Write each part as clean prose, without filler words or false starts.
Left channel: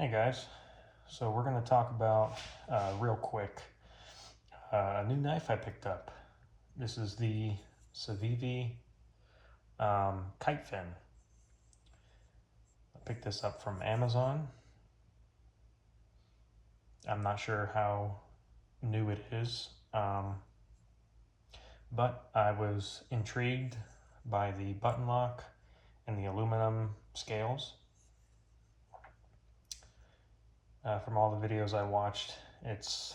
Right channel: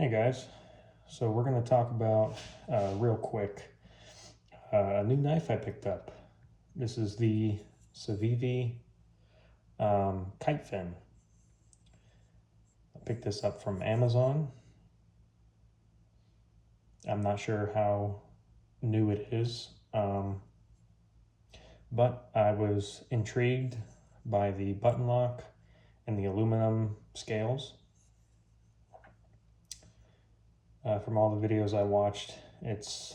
Hey guys, so we're going to talk about real quick a new knife I picked up. This is the Civivi Kitefin. I picked this up from Amazon. I'm not sure how new it is, but I was intrigued by the button lock and the aluminum scales. From all the videos I watched, it's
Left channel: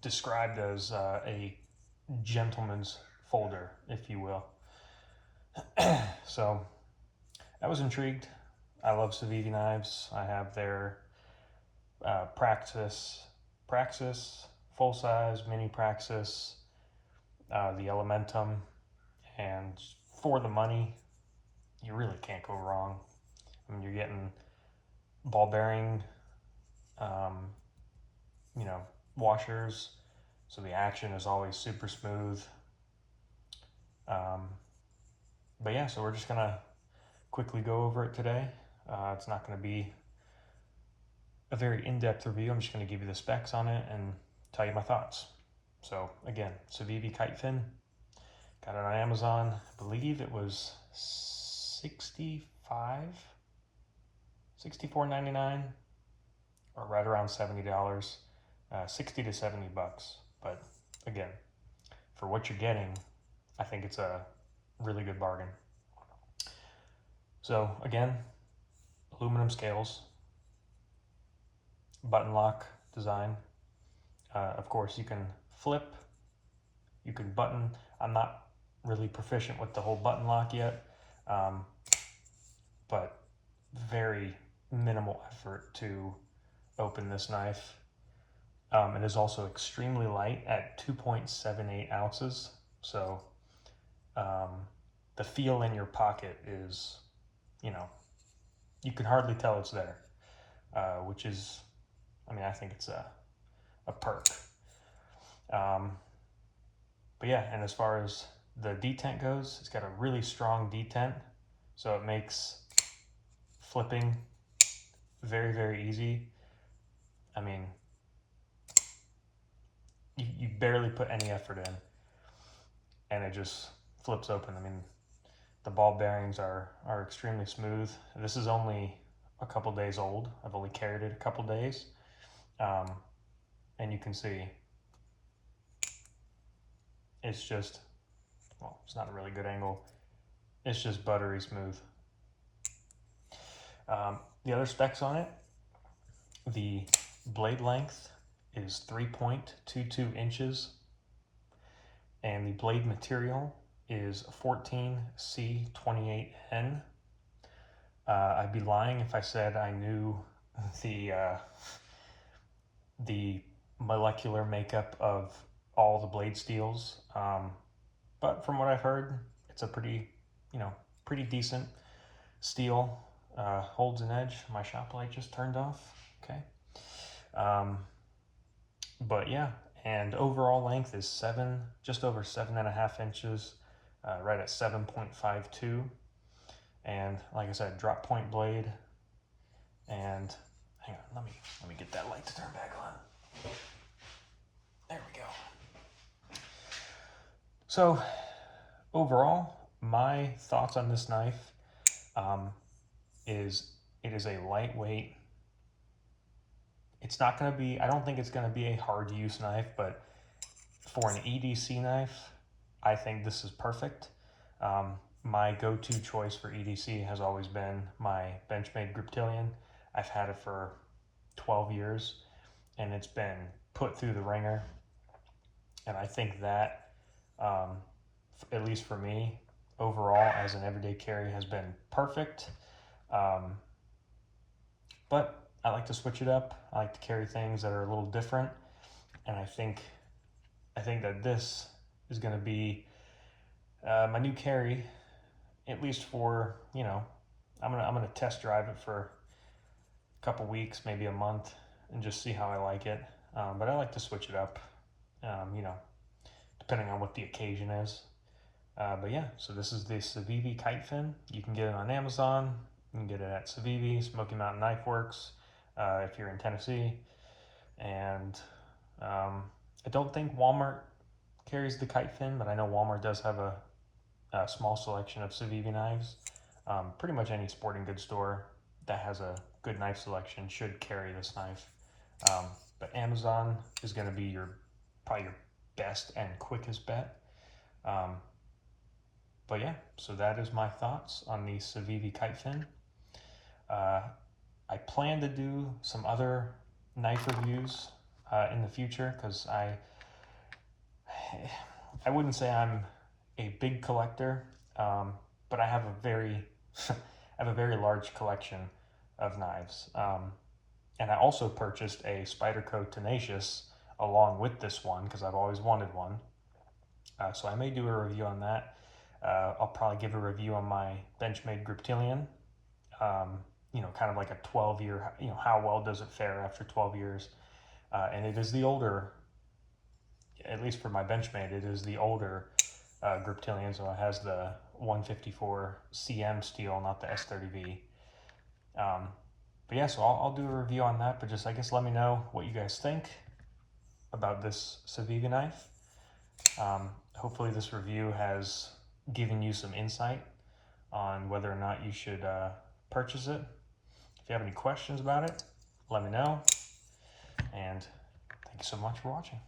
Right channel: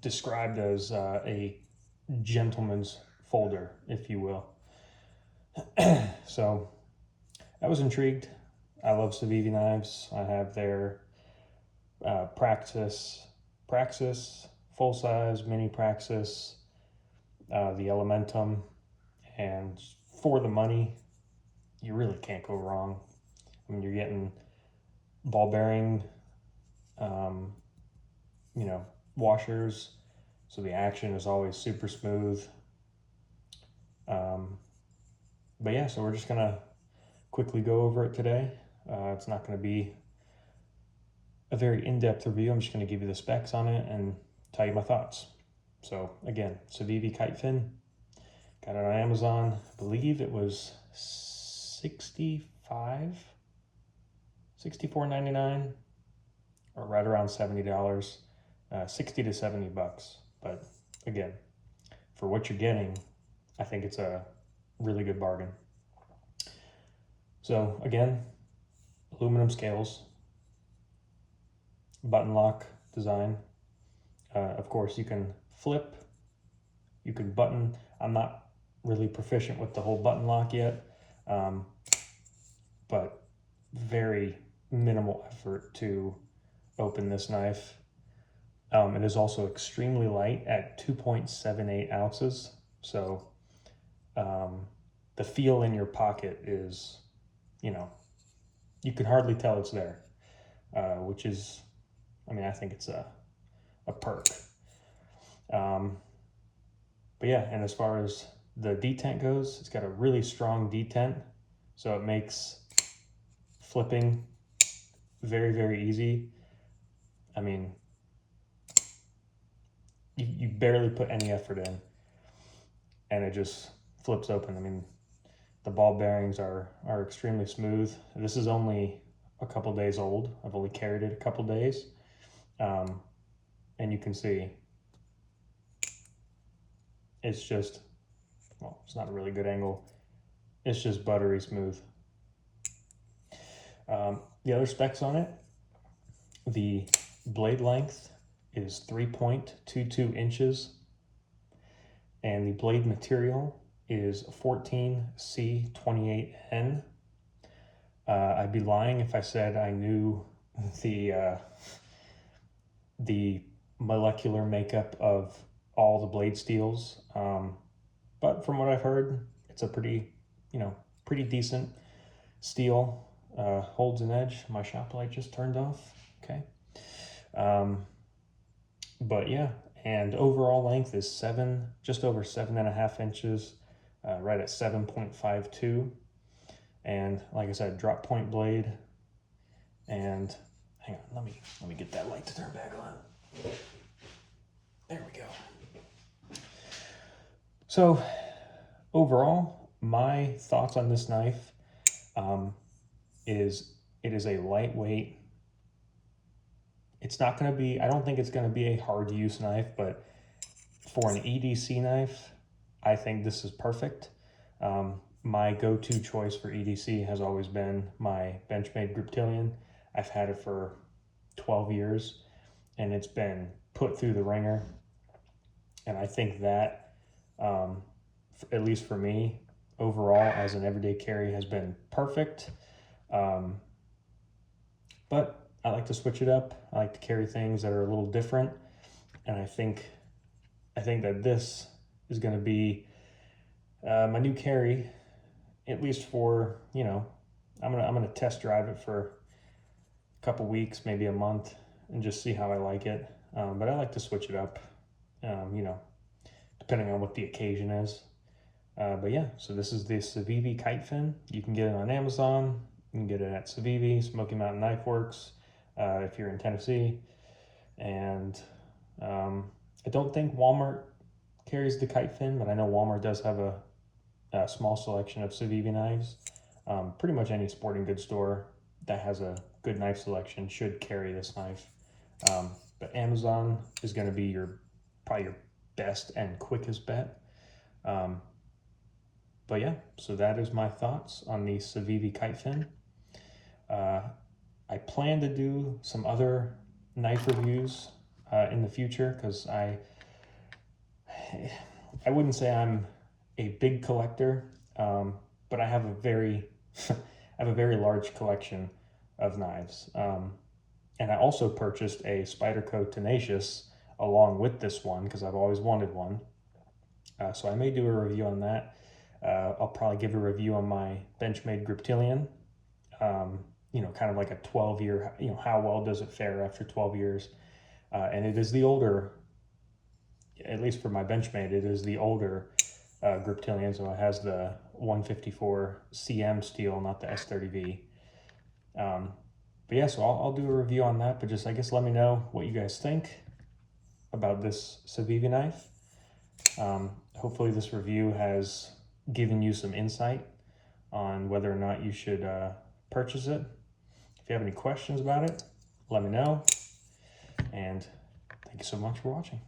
described as a gentleman's folder, if you will. So I was intrigued. I love Civivi knives. I have their Praxis, full size, mini Praxis, the Elementum, and for the money, you really can't go wrong. I mean, you're getting ball bearing, washers, so the action is always super smooth. But yeah, so we're just gonna quickly go over it today. It's not gonna be a very in-depth review. I'm just gonna give you the specs on it and tell you my thoughts. So again, Civivi Kitefin, got it on Amazon. I believe it was $64.99, or right around $70, 60 to 70 bucks. But again, for what you're getting, I think it's a really good bargain. So again, aluminum scales, button lock design. Of course, you can flip, you can button. I'm not really proficient with the whole button lock yet, but very minimal effort to open this knife. It is also extremely light at 2.78 ounces. So the feel in your pocket is, you can hardly tell it's there, which is, I think it's a perk. But yeah, and as far as the detent goes, it's got a really strong detent, so it makes flipping very, very easy. I mean, you barely put any effort in, and it just flips open. I mean, the ball bearings are extremely smooth. This is only a couple days old. I've only carried it a couple days. And you can see it's just, well, it's not a really good angle. It's just buttery smooth. The other specs on it, the blade length is 3.22 inches, and the blade material is 14C28N. I'd be lying if I said I knew the molecular makeup of all the blade steels, but from what I've heard, it's a pretty decent steel. Holds an edge. My shop light just turned off. Okay. But yeah, and overall length is just over 7.5 inches, right at 7.52. And like I said, drop point blade. And hang on, let me get that light to turn back on. There we go. So overall, my thoughts on this knife is it is a lightweight. It's not going to be, I don't think it's going to be a hard to use knife, but for an EDC knife, I think this is perfect. My go-to choice for EDC has always been my Benchmade Griptilian. I've had it for 12 years, and it's been put through the ringer. And I think that, at least for me, overall, as an everyday carry, has been perfect. But I like to switch it up. I like to carry things that are a little different. And I think that this is going to be my new carry, at least for, I'm gonna test drive it for a couple weeks, maybe a month, and just see how I like it. But I like to switch it up, depending on what the occasion is. But yeah, so this is the Civivi Kitefin. You can get it on Amazon. You can get it at Civivi, Smoky Mountain Knife Works, if you're in Tennessee. And I don't think Walmart carries the Kitefin, but I know Walmart does have a small selection of Civivi knives. Pretty much any sporting goods store that has a good knife selection should carry this knife. But Amazon is going to be probably your best and quickest bet. But yeah, so that is my thoughts on the Civivi Kitefin. I plan to do some other knife reviews in the future, because I wouldn't say I'm a big collector, but I have a very large collection of knives. And I also purchased a Spyderco Tenacious along with this one because I've always wanted one. So I may do a review on that. I'll probably give a review on my Benchmade Griptilian. You know, kind of like a 12-year, you know, how well does it fare after 12 years? And it is the older, at least for my Benchmade, it is the older Griptilian, so it has the 154 CM steel, not the S30V. But yeah, so I'll do a review on that, but just, I guess, let me know what you guys think about this Civivi knife. Hopefully this review has given you some insight on whether or not you should purchase it. If you have any questions about it, let me know. And thank you so much for watching.